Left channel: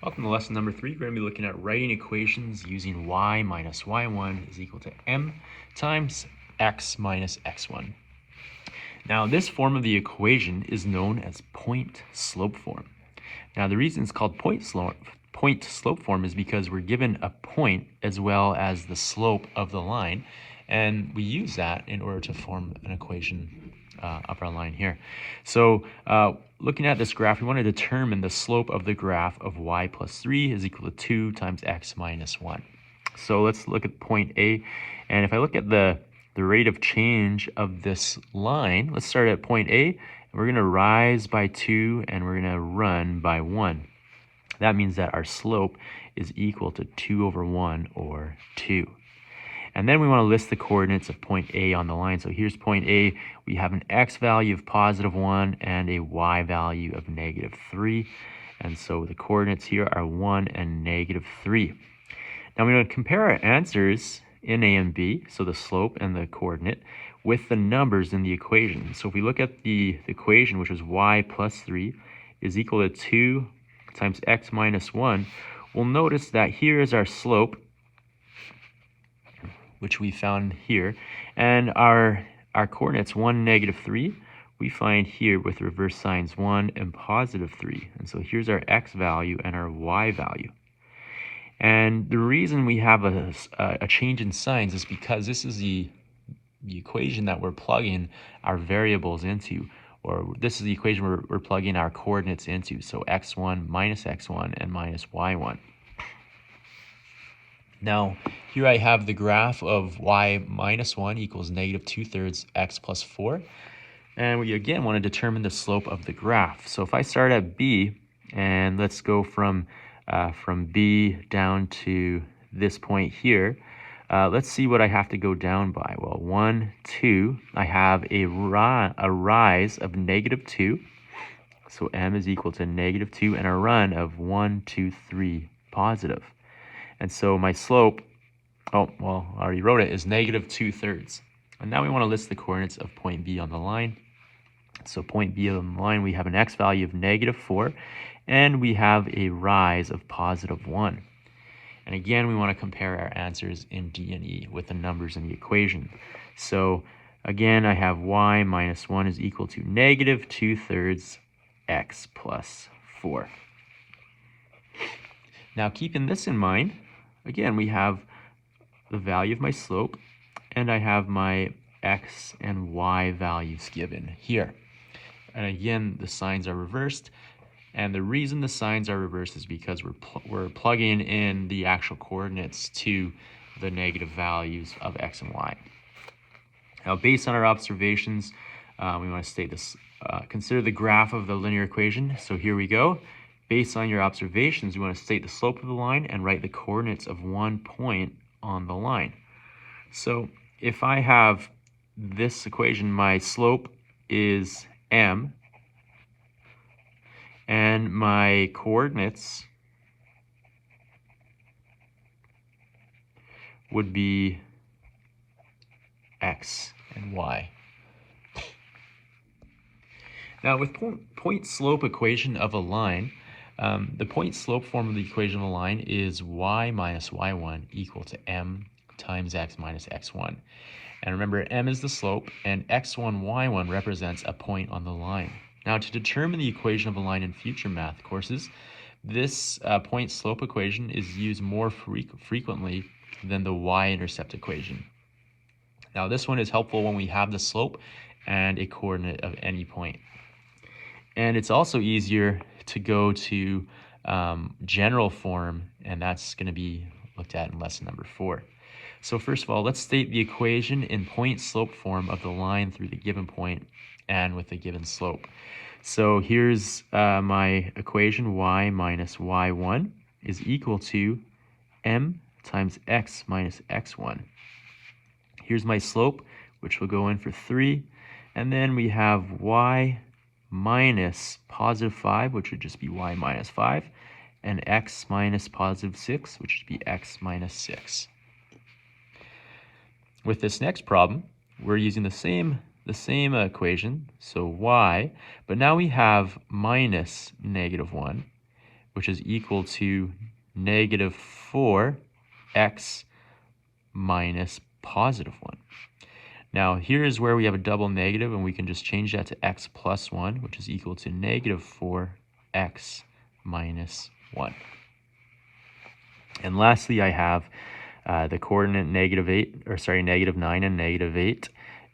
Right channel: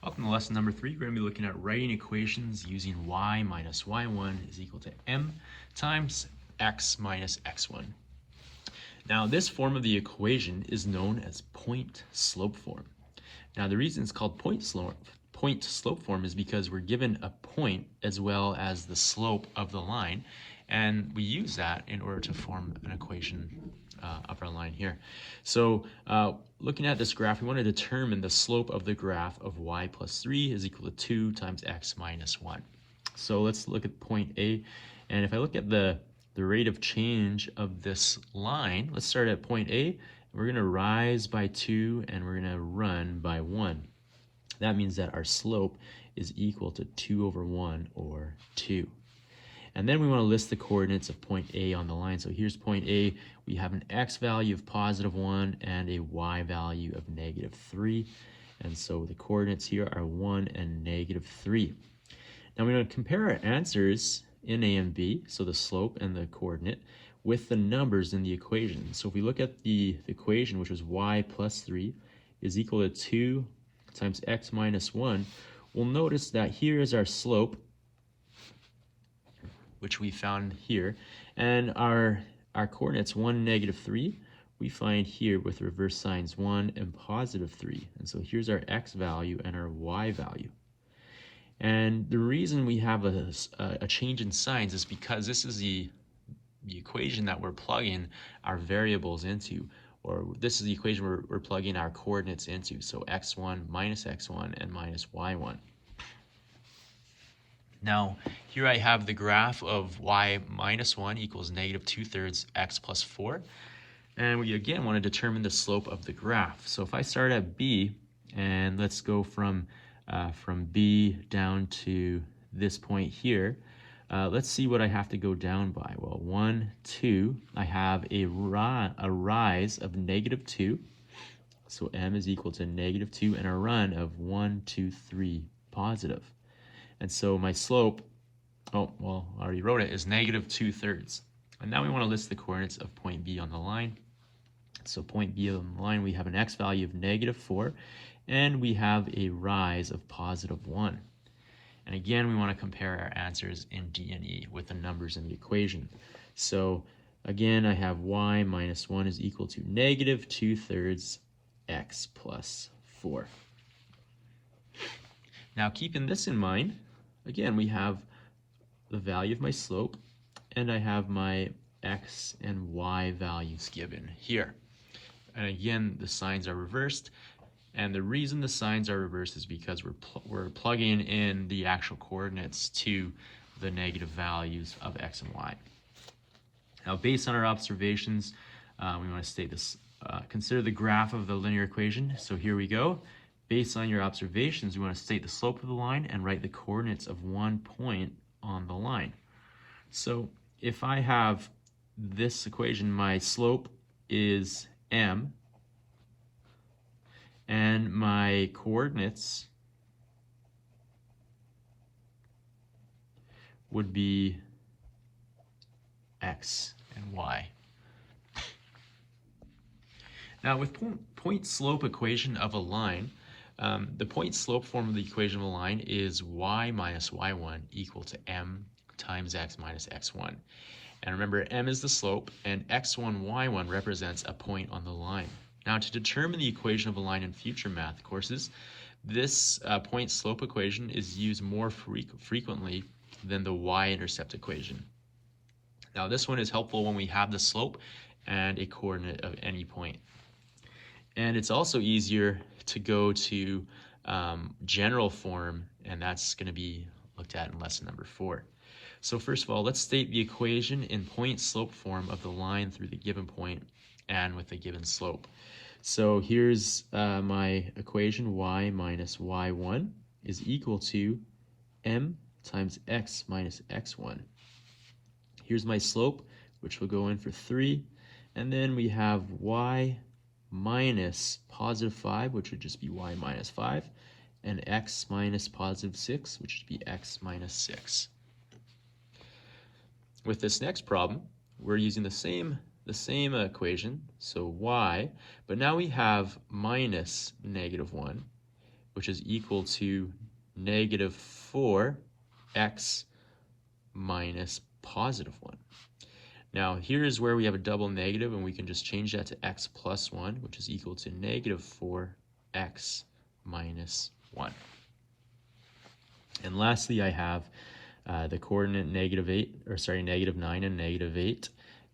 Welcome to lesson number 3. We're going to be looking at writing equations using y minus y1 is equal to m times x minus x1. Now this form of the equation is known as point-slope form. Now the reason it's called point-slope form is because we're given a point as well as the slope of the line, and we use that in order to form an equation of our line here. So looking at this graph, we want to determine the slope of the graph of y plus 3 is equal to 2 times x minus 1. So let's look at point A, and if I look at the rate of change of this line, let's start at point A. We're going to rise by 2 and we're going to run by 1. That means that our slope is equal to 2 over 1, or 2. And then we want to list the coordinates of point A on the line. So here's point A. We have an x value of positive 1 and a y value of negative 3. And so the coordinates here are 1 and negative 3. Now we're going to compare our answers in A and B, so the slope and the coordinate, with the numbers in the equation. So if we look at the equation, which is y plus 3 is equal to 2 times x minus 1, we'll notice that here is our slope, which we found here, and our coordinates 1, negative 3, we find here with reverse signs 1 and positive 3. And so here's our x value and our y value. And the reason we have a change in signs is because this is the equation that we're plugging our variables into, or this is the equation we're plugging our coordinates into. So x1 minus x1 and minus y1. Now, here I have the graph of y minus 1 equals negative 2/3 x plus 4. And we again want to determine the slope of the graph. So if I start at B, and let's go from B down to this point here, let's see what I have to go down by. Well, 1, 2, I have a rise of negative 2. So m is equal to negative 2, and a run of 1, 2, 3 positive. And so my slope, oh, well, I already wrote it, is negative 2/3. And now we want to list the coordinates of point B on the line. So point B on the line, we have an x value of negative 4, and we have a rise of positive 1. And again, we want to compare our answers in D and E with the numbers in the equation. So again, I have y minus 1 is equal to negative 2/3 x plus 4. Now, keeping this in mind, again, we have the value of my slope, and I have my x and y values given here. And again, the signs are reversed. And the reason the signs are reversed is because we're plugging in the actual coordinates to the negative values of x and y. Now, based on our observations, we want to state this. Consider the graph of the linear equation. So here we go. Based on your observations, we want to state the slope of the line and write the coordinates of one point on the line. So if I have this equation, my slope is m, and my coordinates would be x and y. Now with point-slope equation of a line, the point-slope form of the equation of a line is y minus y1 equal to m times x minus x1. And remember, m is the slope, and x1, y1 represents a point on the line. Now, to determine the equation of a line in future math courses, this point-slope equation is used more frequently than the y-intercept equation. Now, this one is helpful when we have the slope and a coordinate of any point. And it's also easier to go to general form, and that's going to be looked at in lesson number 4. So first of all, let's state the equation in point-slope form of the line through the given point and with the given slope. So here's my equation, y minus y1 is equal to m times x minus x1. Here's my slope, which will go in for 3, and then we have y minus positive 5, which would just be y minus 5, and x minus positive 6, which would be x minus 6. With this next problem, we're using the same equation, so y, but now we have minus negative 1, which is equal to negative 4x minus positive 1. Now here is where we have a double negative, and we can just change that to x plus 1, which is equal to negative 4x minus 1. And lastly, I have the coordinate negative 9 and negative 8,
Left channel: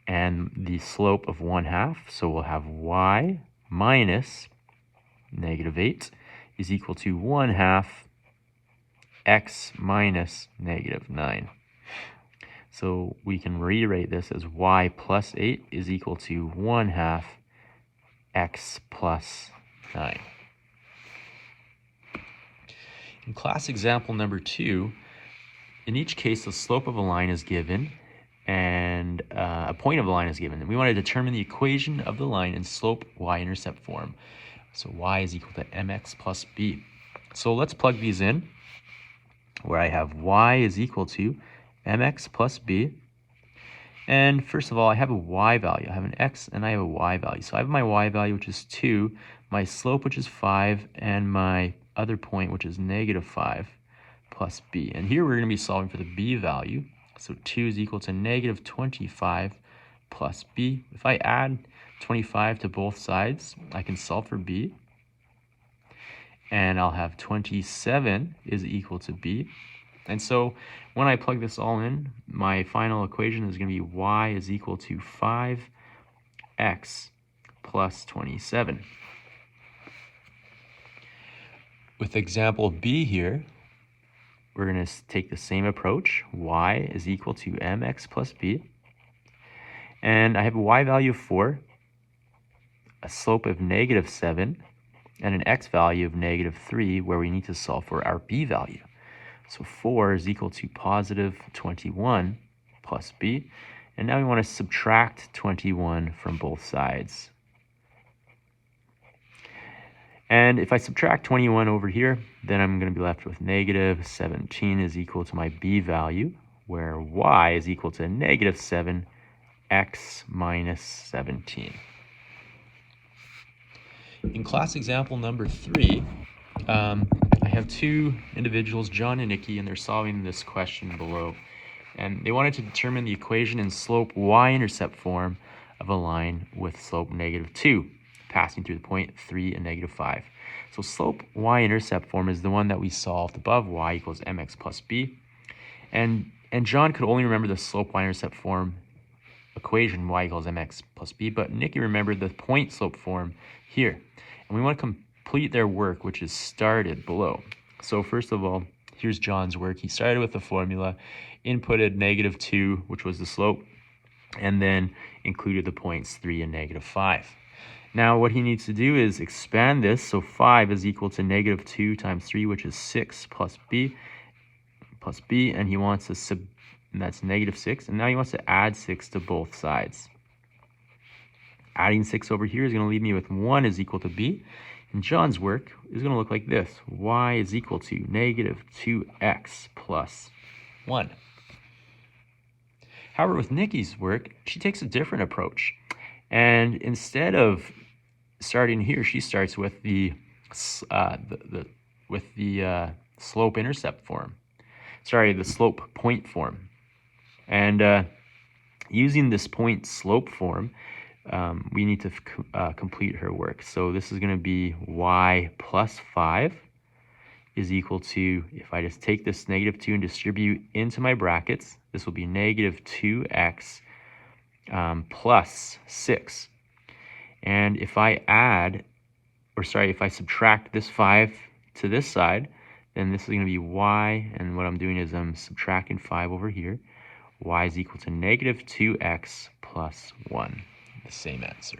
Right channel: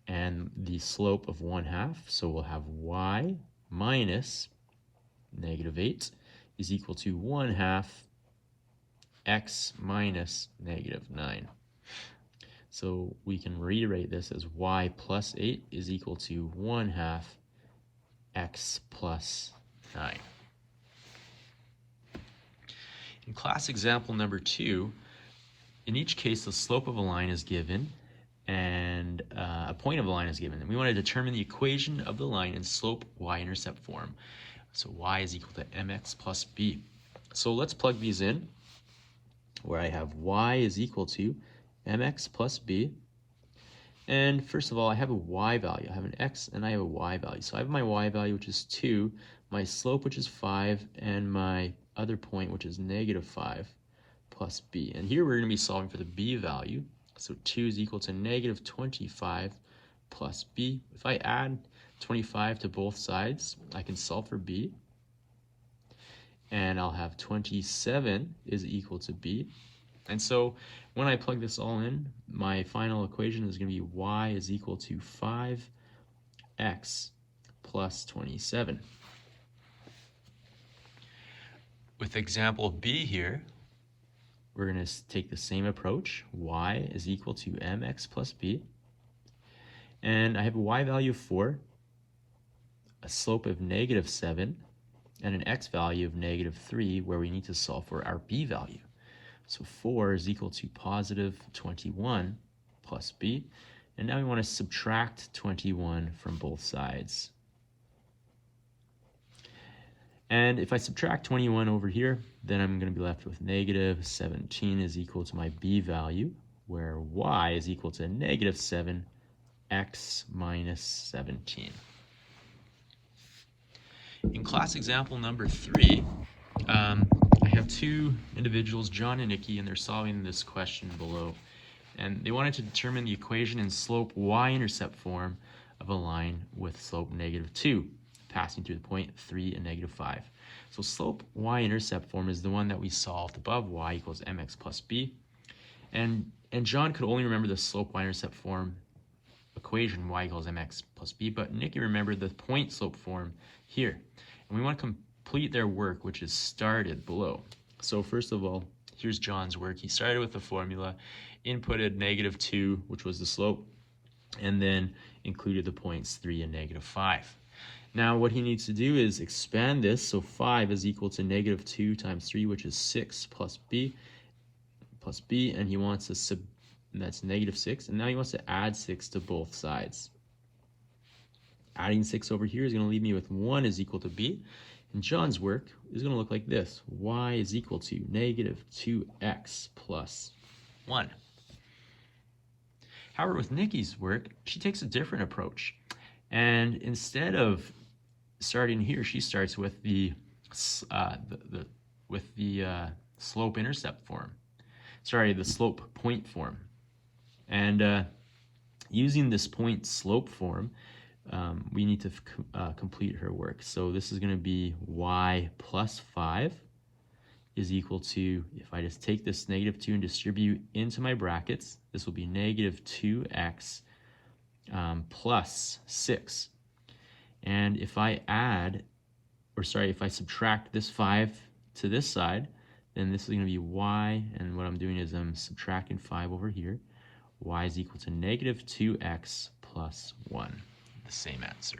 and the slope of 1/2. So we'll have y minus negative 8 is equal to 1/2 x minus negative 9. So we can rewrite this as y plus 8 is equal to 1/2 x plus 9. In class example number 2, in each case the slope of a line is given and a point of the line is given. And we want to determine the equation of the line in slope y-intercept form. So y is equal to mx plus b. So let's plug these in, where I have y is equal to mx plus b. And first of all, I have a y value. I have an x and I have a y value. So I have my y value, which is 2, my slope, which is 5, and my other point, which is negative 5 plus b. And here we're going to be solving for the b value. So 2 is equal to negative 25 plus b. If I add 25 to both sides, I can solve for b. And I'll have 27 is equal to b. And so when I plug this all in, my final equation is going to be y is equal to 5x plus 27. With example b here, we're going to take the same approach. Y is equal to mx plus b. And I have a y value of 4, a slope of negative 7, and an x value of negative 3, where we need to solve for our b value. So 4 is equal to positive 21 plus b. And now we want to subtract 21 from both sides. And if I subtract 21 over here, then I'm going to be left with negative 17 is equal to my b value, where y is equal to negative 7x minus 17. In class example number 3, I have two individuals, John and Nikki, and they're solving this question below. And they wanted to determine the equation in slope y-intercept form of a line with slope negative 2, passing through the point 3 and negative 5. So slope y-intercept form is the one that we solved above, y equals mx plus b. And John could only remember the slope y-intercept form equation, y equals mx plus b, but Nikki remembered the point slope form here. And we want to complete their work, which is started below. So first of all, here's John's work. He started with the formula, inputted negative 2, which was the slope, and then included the points 3 and negative 5. Now what he needs to do is expand this. So 5 is equal to negative 2 times 3, which is 6 plus b, and he wants to and that's negative 6. And now he wants to add 6 to both sides. Adding 6 over here is going to leave me with 1 is equal to b. And John's work is going to look like this. Y is equal to negative 2x plus 1. However, with Nikki's work, she takes a different approach. And instead of starting here, she starts with the slope intercept form. The slope point form. And using this point slope form, we need to complete her work. So this is going to be y plus 5 is equal to, if I just take this negative 2 and distribute into my brackets, this will be negative 2x plus 6. And if I if I subtract this 5 to this side, then this is going to be y, and what I'm doing is I'm subtracting 5 over here. Y is equal to negative 2x plus 1. The same answer.